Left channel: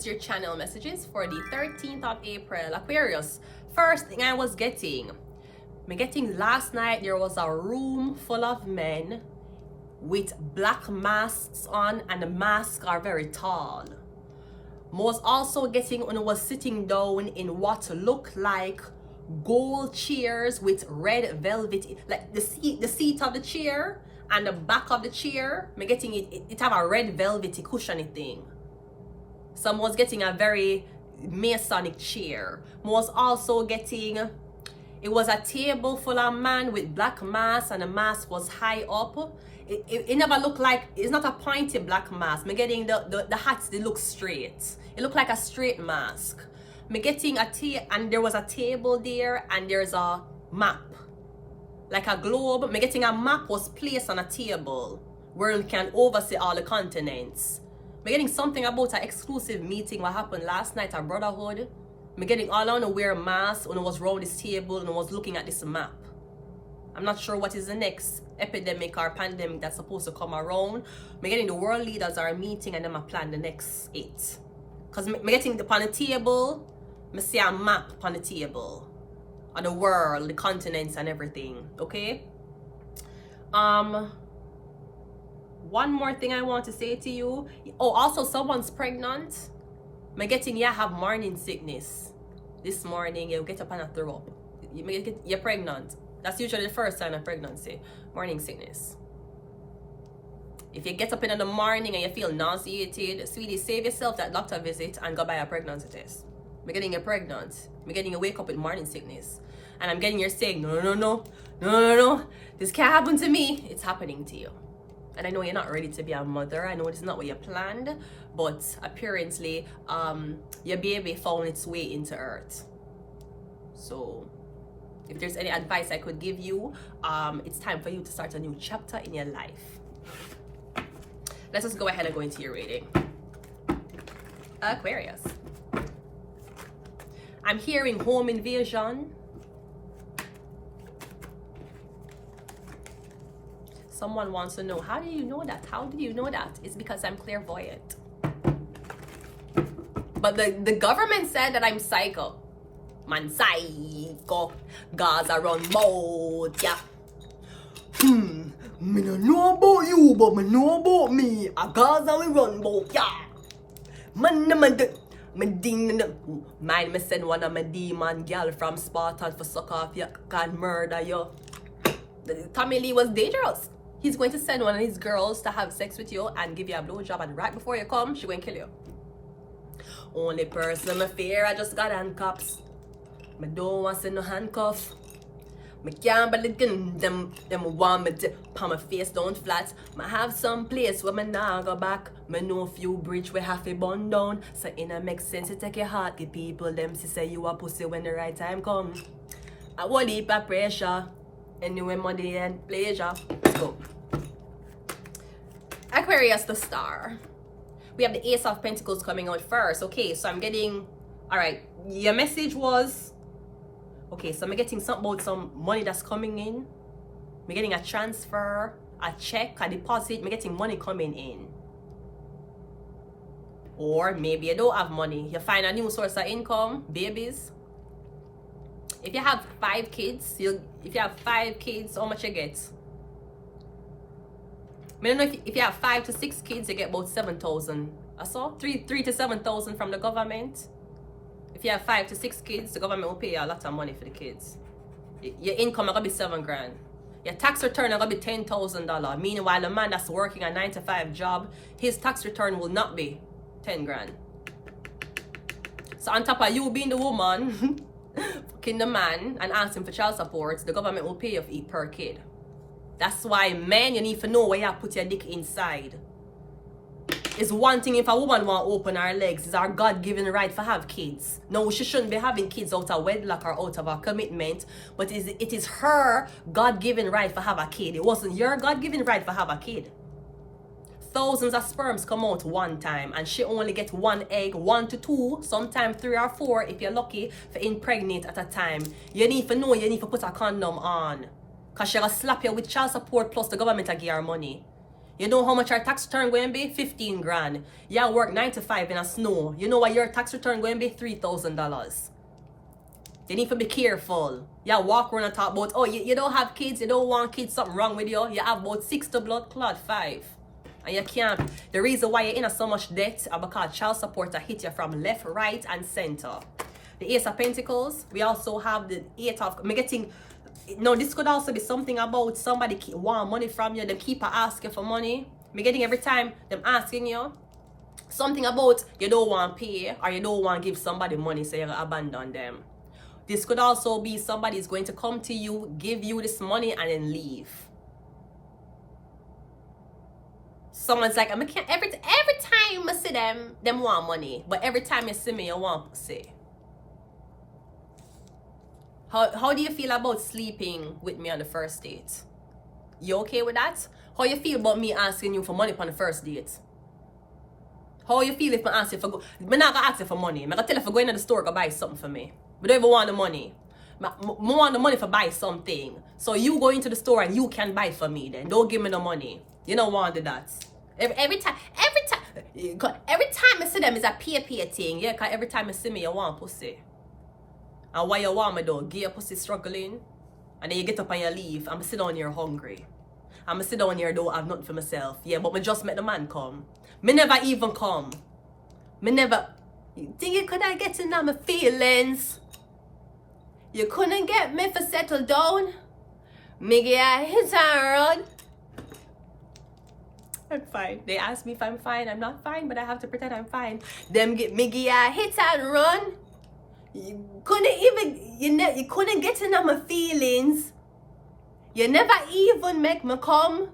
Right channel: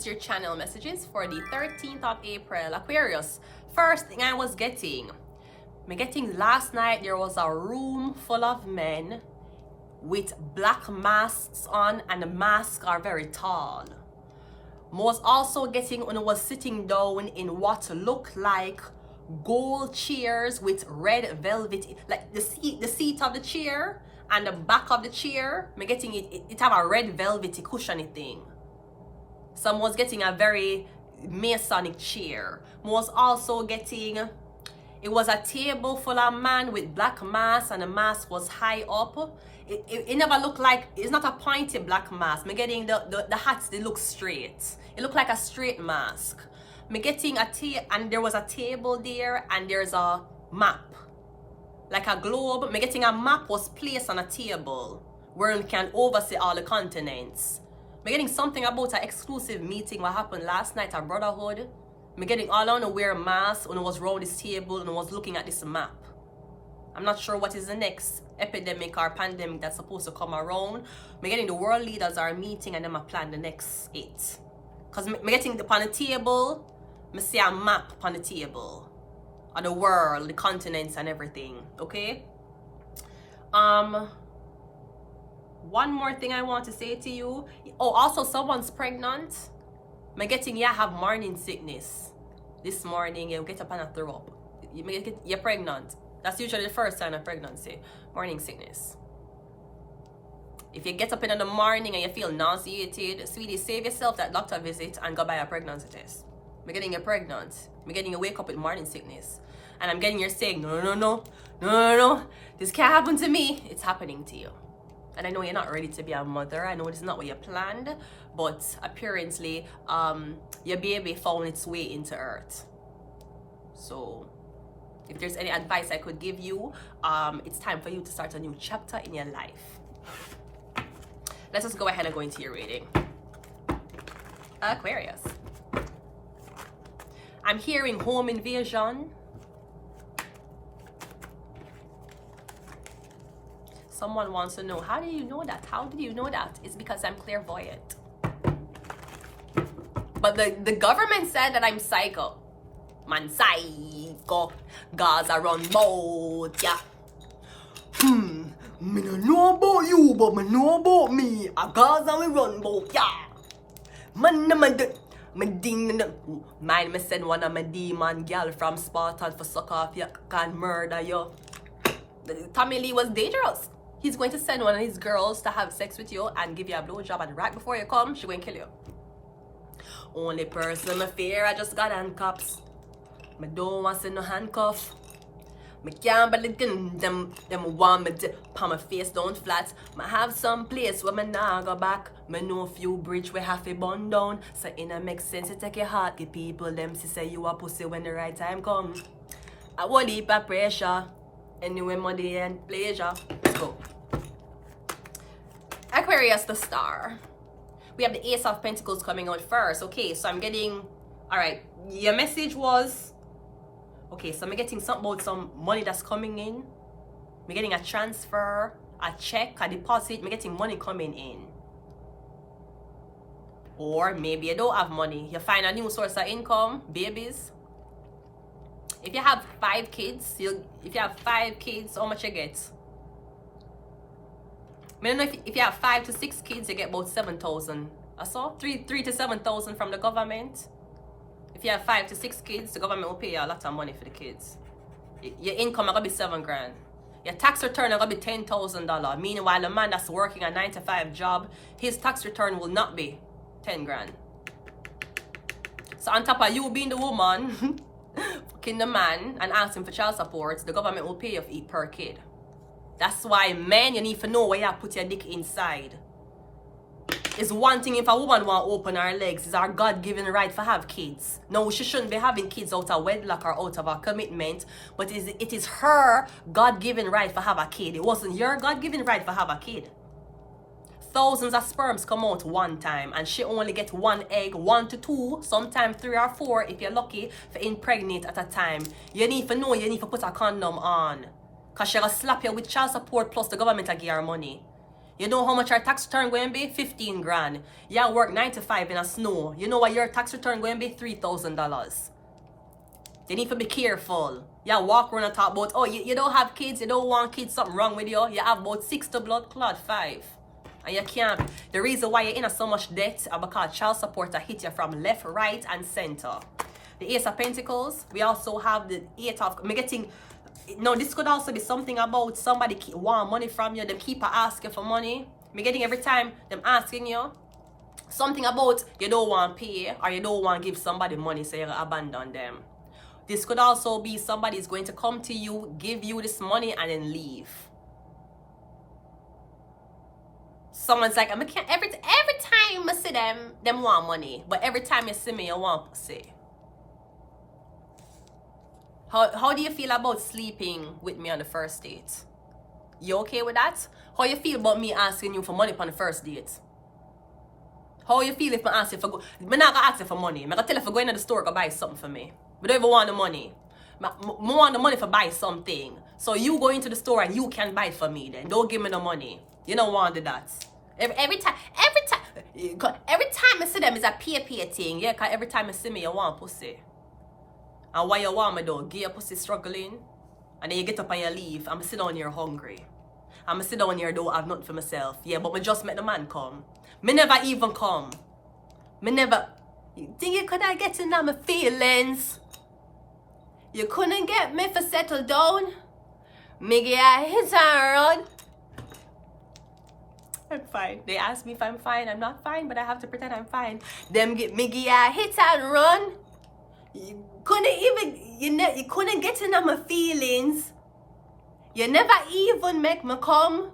is your channel messages for the 13th of April. Aquarius, first thing I was getting last night, there was a room full of men with black masks on, and the masks are very tall. Was also getting when I was sitting down in what looked like gold chairs with red velvet, like the seat of the chair and the back of the chair. Me getting it have a red velvety cushiony thing. Some was getting a very Masonic chair. Was also getting, it was a table full of man with black mask, and the mask was high up. It never looked like, it's not a pointy black mask. Me getting the hats, they look straight. It looked like a straight mask. Me getting and there was a table there, and there's a map, like a globe. Me getting a map was placed on a table where you can oversee all the continents. Me getting something about an exclusive meeting what happened last night at Brotherhood. Me getting all on to wear masks when I was around this table and I was looking at this map. I'm not sure what is the next epidemic or pandemic that's supposed to come around. Me getting the world leaders are meeting and then I plan the next 8. Because me getting upon the table, me see a map upon the table of the world, the continents and everything. Okay? One more thing I want to say to you. Oh, also someone's pregnant. Me getting you have morning sickness. This morning you get up and throw up. You're pregnant. That's usually the first sign of pregnancy. Morning sickness. If you get up in the morning and you feel nauseated, sweetie, save yourself that doctor visit and go buy a pregnancy test. Me getting you pregnant. Me getting you wake up with morning sickness. And I'm getting you saying, no. This can't happen to me. It's happening to you. And I know you're not ready to be a mother. I know this is not what you planned. But apparently, your baby found its way into earth. So, if there's any advice I could give you, it's time for you to start a new chapter in your life. Let's just go ahead and go into your reading. Aquarius. I'm hearing home invasion. Someone wants to know, how do you know that? How do you know that? It's because I'm clairvoyant. But the government said that I'm psycho. Man, psycho. Gaza run boat, yeah. Me no know about you, but me know about me. A Gaza we run boat, yeah. Man, mind me send one of my demon girl from Spartan for suck off you, can murder you. Tommy Lee was dangerous. He's going to send one of his girls to have sex with you and give you a blowjob, and right before you come, she's going to kill you. Only person I fear, I just got handcuffs. I don't want to see no handcuff. I can't believe them want me to put my face down flat. I have some place where I nah go back. I know a few bridge we have to burn down. So it makes sense to take your heart. Give people them to say you a pussy when the right time comes. I won't leave a pressure. Anyway, money and pleasure. Let's go. Aquarius, the star. We have the Ace of Pentacles coming out first. Okay, so I'm getting, all right, your message was, okay, so I'm getting something about some money that's coming in. I'm getting a transfer, a check, a deposit. I'm getting money coming in. Or maybe you don't have money. You find a new source of income, babies. If you have 5 kids, how much you get? I don't know if you have 5 to 6 kids, you get about 7,000. I saw 3 to 7,000 from the government. If you have 5 to 6 kids, the government will pay you a lot of money for the kids. Your income is gonna be 7 grand. Your tax return is gonna be $10,000. Meanwhile, the man that's working a 9-to-5 job, his tax return will not be 10 grand. So on top of you being the woman, fucking the man and asking for child support, the government will pay you per kid. That's why, men, you need to know where you put your dick inside. It's one thing if a woman want to open her legs. It's our God-given right to have kids. No, she shouldn't be having kids out of wedlock or out of a commitment. But it is her God-given right to have a kid. It wasn't your God-given right to have a kid. Thousands of sperms come out one time, and she only gets 1 egg, 1 to 2, sometimes 3 or 4 if you're lucky to impregnate at a time. You need to know you need to put a condom on. Because she'll slap you with child support plus the government will give her money. You know how much your tax return going to be? 15 grand. You work 9 to 5 in a snow. You know what your tax return going to be? $3,000. You need to be careful. You walk around and talk about, oh, you don't have kids, you don't want kids, something wrong with you. You have about 6 to blood clot, 5. And you can't. The reason why you're in so much debt is because child support hit you from left, right, and center. The Ace of Pentacles. We also have the 8 of... I'm getting... No, this could also be something about somebody want money from you. They keep asking for money. I'm getting every time them asking you. Something about you don't want to pay or you don't want to give somebody money, so you abandon them. This could also be somebody's going to come to you, give you this money, and then leave. Someone's like, every time I see them want money. But every time you see me, you want pussy. How do you feel about sleeping with me on the first date? You okay with that? How you feel about me asking you for money on the first date? How you feel if I ask you for... I'm not going to ask you for money. I'm going to tell you if I go into the store to buy something for me. I don't even want the money. I want the money for buy something. So you go into the store and you can buy for me then. Don't give me the money. You don't want that. Every time I see them is a pay thing. Yeah, because every time you see me, you want pussy. And why you want me though? Get your pussy struggling. And then you get up and you leave. I'm sit down here hungry. I'm sit down here don't have nothing for myself. Yeah, but me just met the man come. Me never even come. Me never... You think you could have get in my feelings? You couldn't get me for settle down? Me get hit and run. I'm fine. They ask me if I'm fine. I'm not fine, but I have to pretend I'm fine. Them get me get hit and run. You couldn't even, you couldn't get in my feelings. You never even make me come.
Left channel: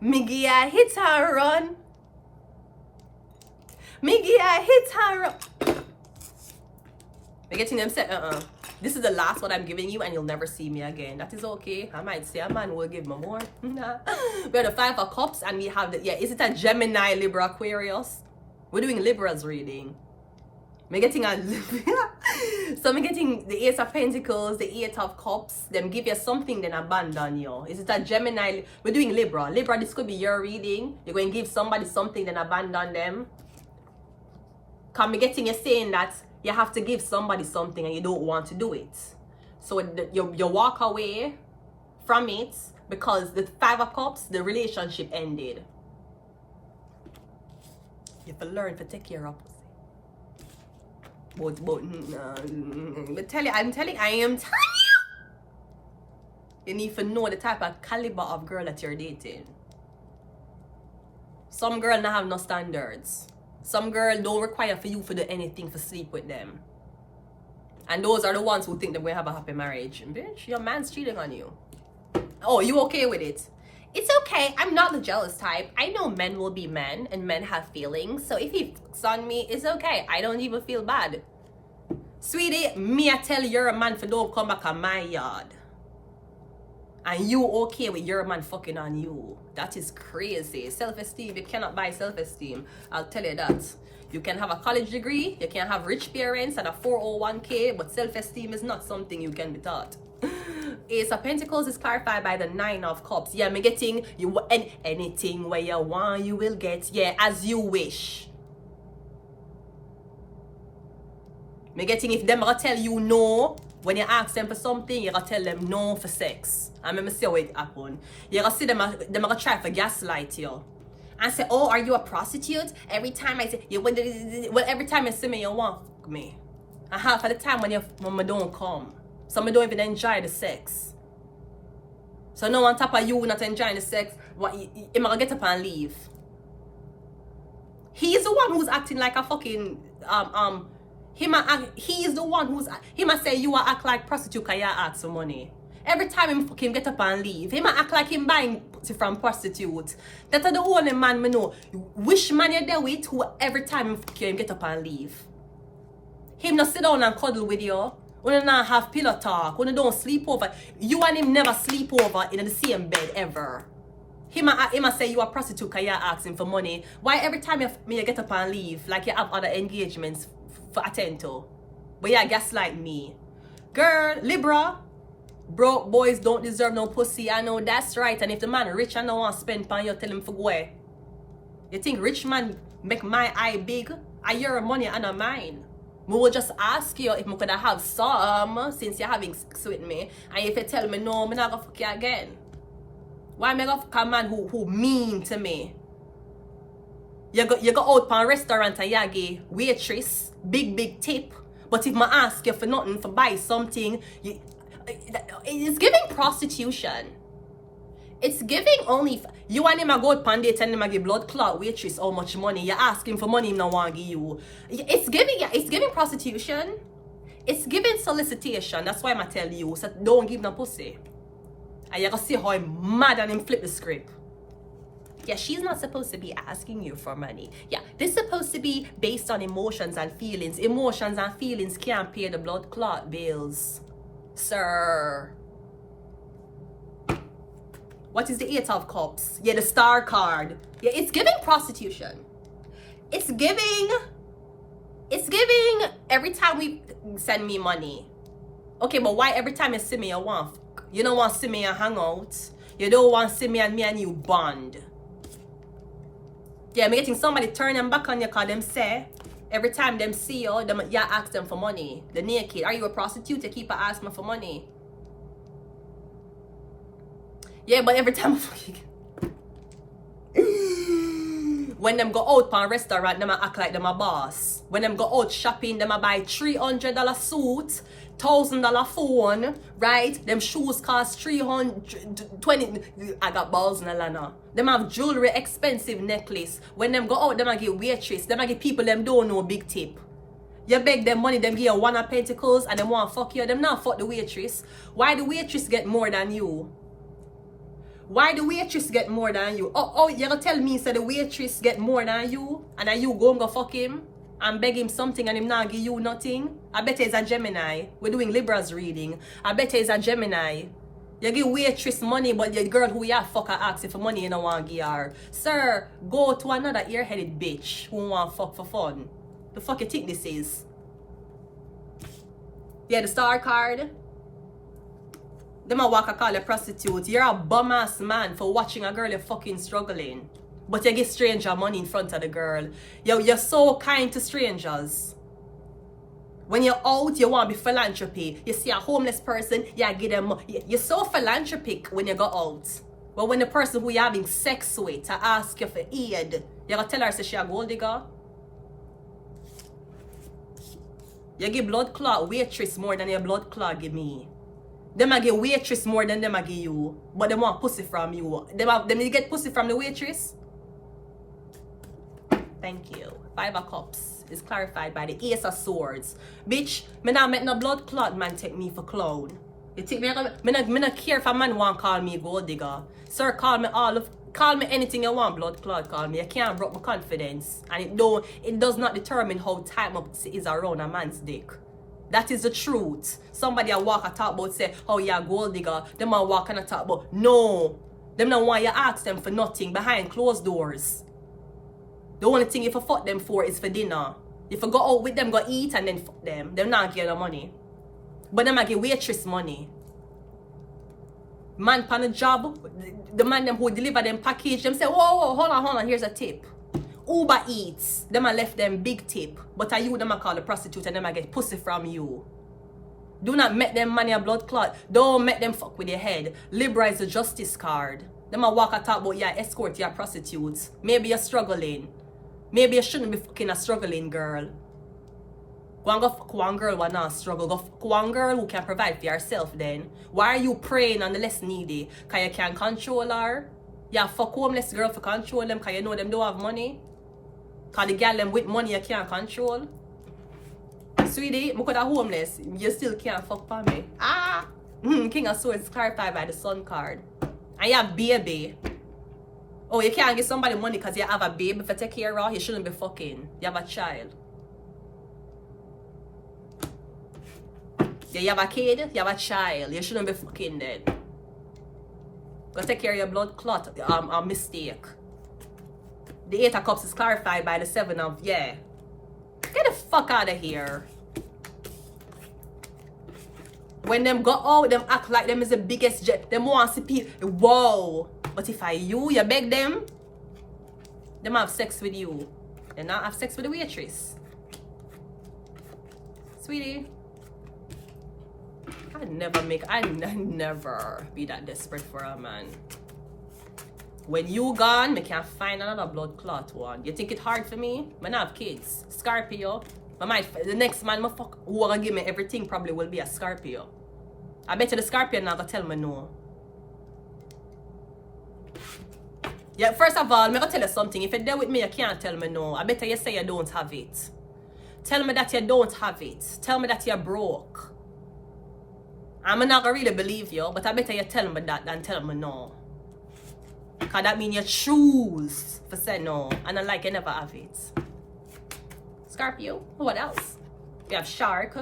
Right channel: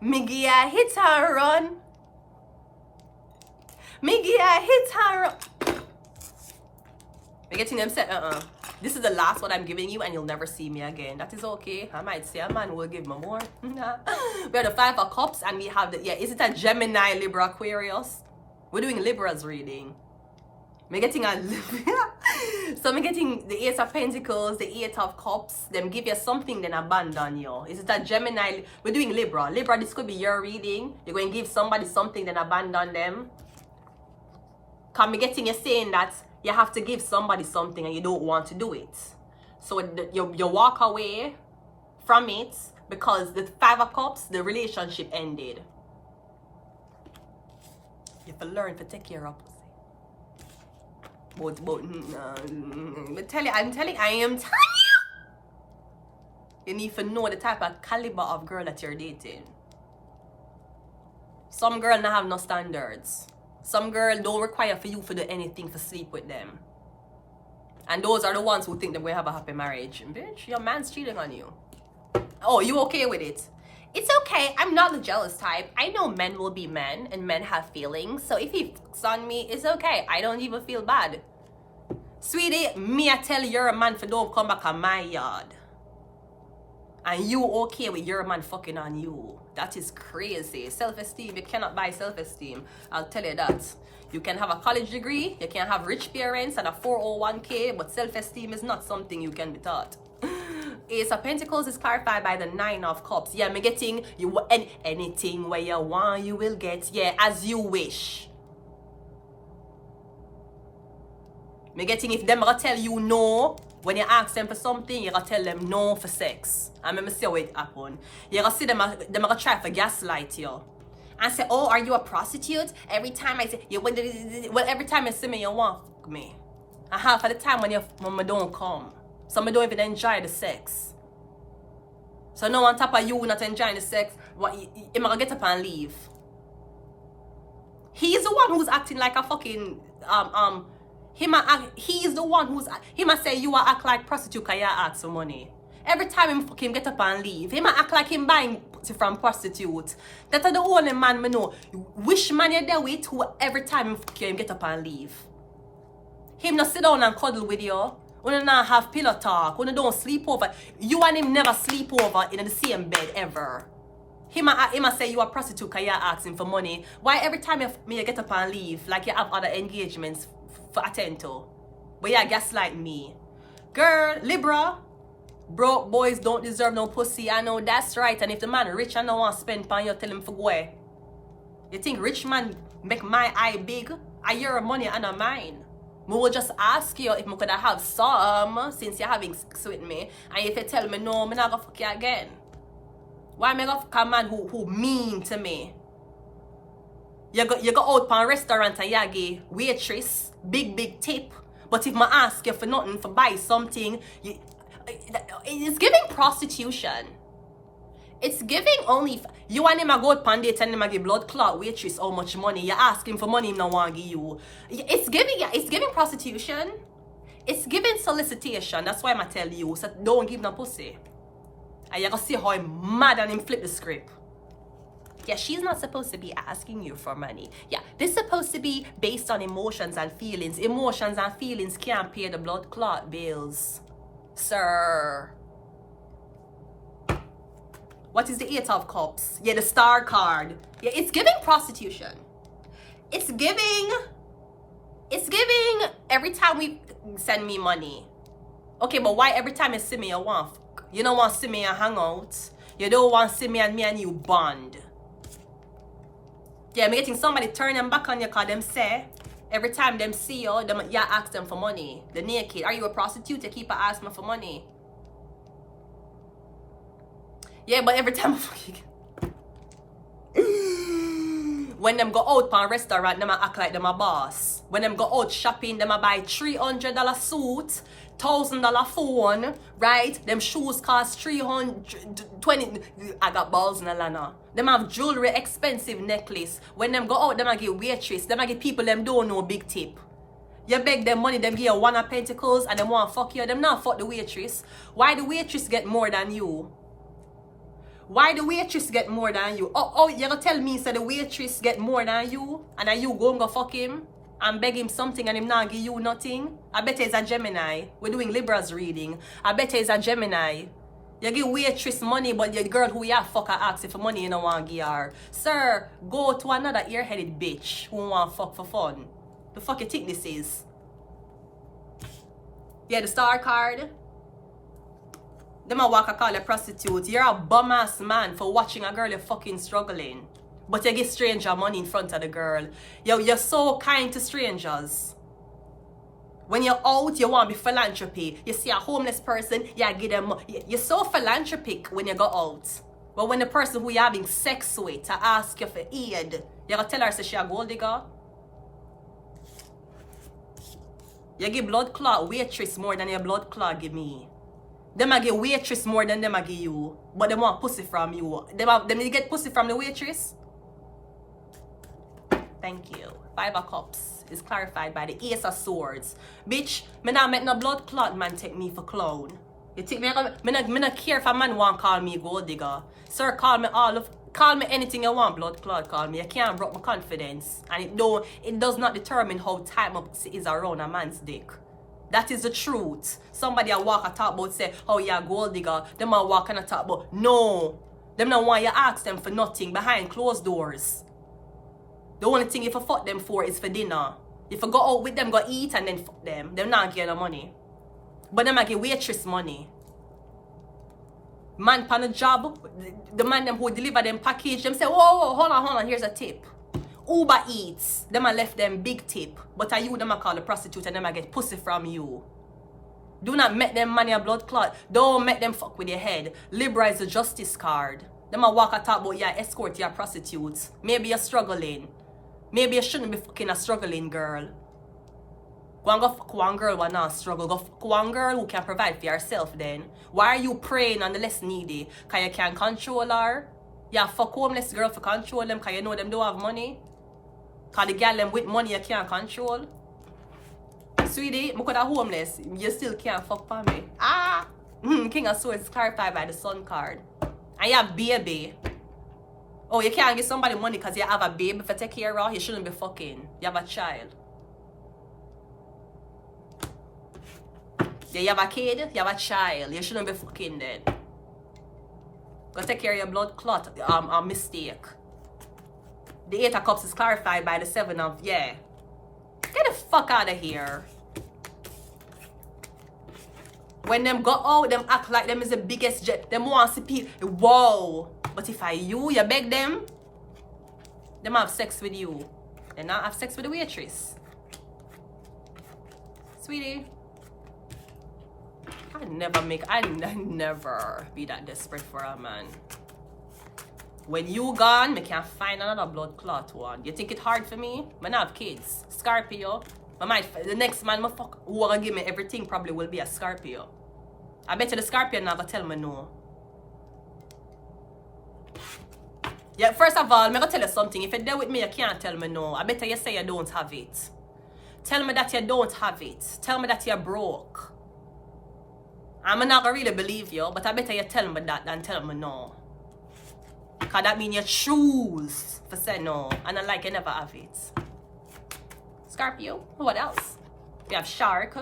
Me get hit and run. Me get hit and run. I'm getting them said, this is the last one I'm giving you and you'll never see me again. That is okay. I might say a man will give me more. We have the 5 of Cups and we have the, is it a Gemini, Libra, Aquarius? We're doing Libra's reading. I'm getting a... So I'm getting the 8 of Pentacles, the 8 of Cups. Them give you something, then abandon you. Is it a Gemini? We're doing Libra. Libra, this could be your reading. You're going to give somebody something, then abandon them. Because I'm getting you saying that you have to give somebody something and you don't want to do it. So you walk away from it because the 5 of Cups, the relationship ended. You have to learn to take care of pussy. I'm telling you. You need to know the type of caliber of girl that you're dating. Some girl don't have no standards. Some girl don't require for you to do anything to sleep with them. And those are the ones who think they're going to have a happy marriage. Bitch, your man's cheating on you. Oh, you okay with it? It's okay. I'm not the jealous type. I know men will be men and men have feelings. So if he fucks on me, it's okay. I don't even feel bad. Sweetie, me I tell your man for don't come back on my yard. And you okay with your man fucking on you. That is crazy. Self-esteem, you cannot buy self-esteem. I'll tell you that. You can have a college degree, you can have rich parents and a 401k, but self-esteem is not something you can be taught. Ace of Pentacles is clarified by the 9 of Cups. Yeah, me getting you anything where you want, you will get. Yeah, as you wish. Me getting if them gonna tell you no, when you ask them for something, you gonna tell them no for sex. And me see how it happen. You gonna see them gonna try to gaslight you. And say, oh, are you a prostitute? Every time I say, well, every time you see me, you want me. And half of the time when me don't come. So me don't even enjoy the sex. So no on top of you not enjoying the sex, you gonna get up and leave. He's the one who's acting like a fucking he's the one who's he might say you act like prostitute because you ask for money. Every time him fucking get up and leave, he might act like him buying from prostitute. That's the only man me know. Which man you there with who every time him fucking get up and leave. Him not sit down and cuddle with you. When you not have pillow talk, when you don't sleep over. You and him never sleep over in the same bed ever. He might say you are a prostitute because you ask him for money. Why every time you get up and leave, like you have other engagements for attend to? But yeah, gaslight me. Girl, Libra, Broke boys don't deserve no pussy. I know that's right. And if the man rich and don't want to spend pan, you tell him for go away. You think rich man make my eye big? I your money and not mine. We will just ask you if I could have some since you're having sex with me. And if you tell me no, I'm not gonna fuck you again. Why am I gonna fuck a man who mean to me? You go out for a restaurant and you give waitress big tip. But if I ask you for nothing, for buy something, it's giving prostitution. It's giving only you and him a go out pan date and him a give blood clot waitress how much money. You ask him for money, him no want give you. It's giving prostitution. It's giving solicitation. That's why I tell you, so don't give no pussy. And you gonna see how I'm mad and him flip the script. Yeah, she's not supposed to be asking you for money. Yeah, this is supposed to be based on emotions and feelings. Emotions and feelings can't pay the blood clot bills. Sir. What is the 8 of Cups? Yeah, the Star card. Yeah, it's giving prostitution. It's giving every time we send me money. Okay, but why every time you see me you want fuck? You don't want to see me and hang out. You don't want to see me and you bond. Yeah, I'm getting somebody turn them back on you because them say every time them see you, you ask them for money. The naked. Are you a prostitute? You keep asking me for money. Yeah, but every time when them go out for a restaurant, them act like them a boss. When them go out shopping, them a buy $300 suit, $1,000 phone, right? Them shoes cost $320. I got balls in the lana. Them have jewelry, expensive necklace. When them go out, them a give waitress. Them a give people them don't know big tip. You beg them money, them give you 1 of pentacles and them want fuck you. Them not fuck the waitress. Why the waitress get more than you? Why the waitress get more than you? Oh, you gonna tell me so the waitress get more than you? And then you go fuck him and beg him something and him not give you nothing? I bet he's a Gemini. We're doing Libra's reading. I bet he's a Gemini. You give waitress money, but the girl who you fuck her asks if for money you don't want to give her. Sir, go to another ear-headed bitch who want fuck for fun. The fuck you think this is? Yeah, the Star card. Them a walk a call a prostitute. You're a bum ass man for watching a girl you're fucking struggling. But you give stranger money in front of the girl. You're so kind to strangers. When you're out, you want to be philanthropy. You see a homeless person, you give them money. You're so philanthropic when you go out. But when the person who you're having sex with to ask you for aid, you're going to tell her she's a gold digger. You give blood clot waitress more than your blood clot give me. Them a give waitress more than them a give you. But they want pussy from you. Them you get pussy from the waitress? Thank you. 5 of Cups is clarified by the Ace of Swords. Bitch, me not make no blood clot man take me for clown. You think me not care if a man want call me gold digger. Sir, call me anything you want, blood clot call me. You can't break my confidence. And it does not determine how tight my pussy is around a man's dick. That is the truth. Somebody a walk and talk about say, oh yeah, gold digger. Them a walk and talk about, no. Them not want you ask them for nothing behind closed doors. The only thing you fuck them for is for dinner. If you go out with them, go eat and then fuck them. They're not getting no money. But them a give waitress money. Man pan a job, the man them who deliver them package, them say, whoa, hold on, here's a tip. Uber Eats, them a left them big tip. But are you them a call a prostitute and them a get pussy from you. Do not make them money a blood clot. Don't make them fuck with your head. Libra is a justice card. Them a walk and talk about yeah, escort your prostitutes. Maybe you're struggling. Maybe you shouldn't be fucking a struggling girl. Go and go fuck one girl who not struggle. Go fuck one girl who can provide for herself then. Why are you preying on the less needy? Because you can't control her? Yeah, fuck homeless girl for control them because you know them don't have money? Because the girl them with money you can't control? Sweetie, because they're homeless, you still can't fuck for me. King of Swords is clarified by the Sun card. And you have baby. Oh, you can't give somebody money because you have a baby to take care of. You shouldn't be fucking. You have a child. Yeah, you have a kid, you have a child. You shouldn't be fucking then. Go take care of your blood clot mistake. The 8 of Cups is clarified by the 7 of, yeah. Get the fuck out of here. When them go out, them act like them is the biggest jet. Them want to see people. Whoa. But if you beg them have sex with you. They not have sex with the waitress. Sweetie. I never be that desperate for a man. When you gone, I can't find another blood clot one. You think it hard for me? I have kids. Scorpio. The next man who wanna give me everything probably will be a Scorpio. I bet you the Scorpio never tell me no. Yeah, first of all, I'm gonna tell you something. If you're there with me, you can't tell me no. I bet you say you don't have it. Tell me that you don't have it. Tell me that you're broke. I'm not gonna really believe you, but I bet you tell me that than tell me no. Cause that means you choose to say no, and I like you never have it. Scorpio, what else? We have Shark,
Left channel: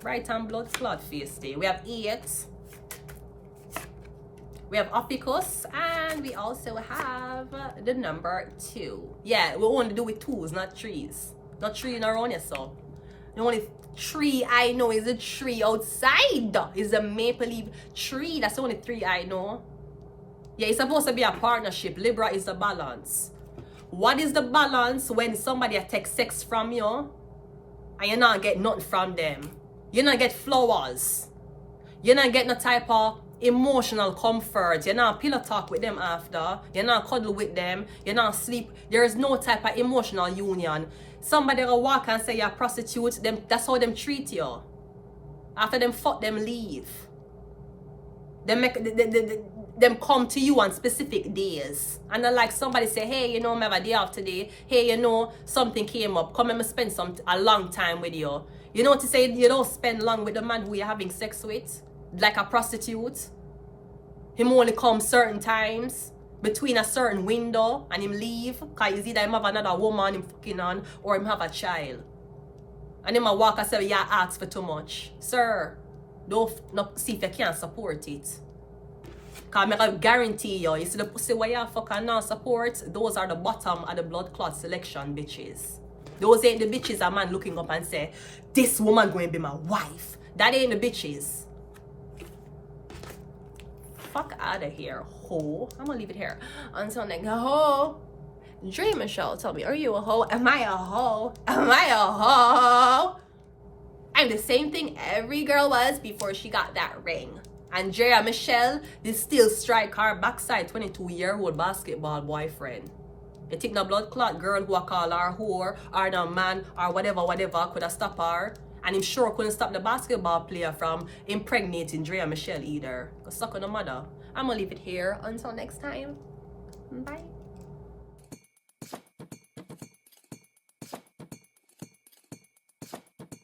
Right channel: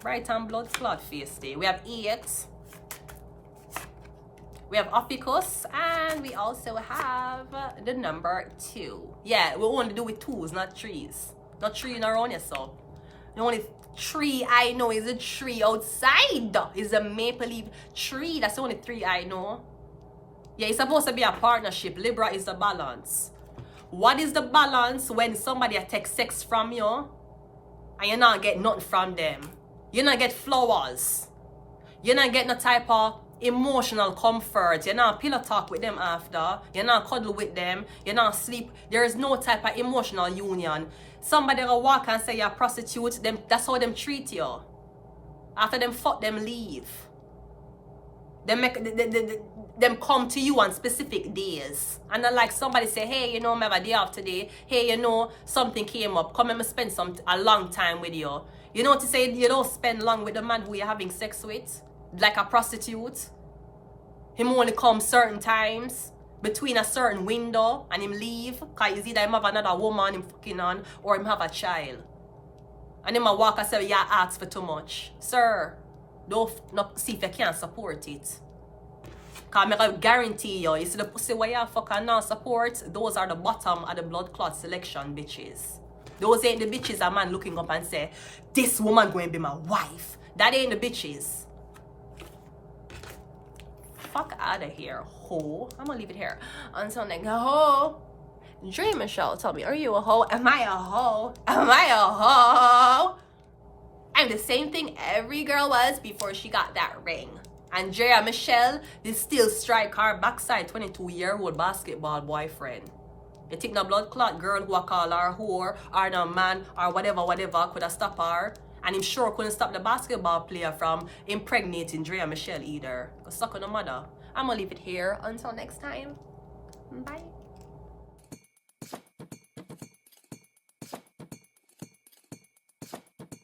Bright and Blood Clot Face Day. We have 8. We have Opicus, and we also have the number 2. Yeah, we want to do with 2s, not 3s. Not 3 in our own, so. The only tree I know is a tree outside. Is a maple leaf tree. That's the only 3 I know. Yeah, it's supposed to be a partnership. Libra is the balance. What is the balance when somebody takes sex from you and you not get nothing from them? You not get flowers. You not get no type of emotional comfort. You not pillow talk with them after. You not cuddle with them. You not sleep. There is no type of emotional union. Somebody will walk and say you're a prostitute. That's how them treat you. After them fuck, them leave. Them come to you on specific days. And then like somebody say, hey, you know, I have a day off today. Hey, you know, something came up. Come and spend a long time with you. You know what to say? You don't spend long with the man who you're having sex with. Like a prostitute. Him only come certain times. Between a certain window. And him leave. Because either him have another woman him fucking on. Or him have a child. And him a walk and say, yeah, ask for too much. Sir, don't see if you can't support it. Because I guarantee you, see the pussy where you fucking not support, those are the bottom of the blood clot selection bitches. Those ain't the bitches a man looking up and say, this woman going to be my wife. That ain't the bitches. Fuck out of here, ho. I'm going to leave it here. Until next, ho. Dream Michelle, tell me, are you a hoe? Am I a hoe? Am I a hoe? I'm the same thing every girl was before she got that ring. Andrea Michelle, they still strike her backside 22-year-old basketball boyfriend. You think the blood clot girl who I call her whore or the man or whatever could have stopped her? And him sure couldn't stop the basketball player from impregnating Andrea Michelle either. Cause suck on the mother. I'm gonna leave it here until next time. Bye.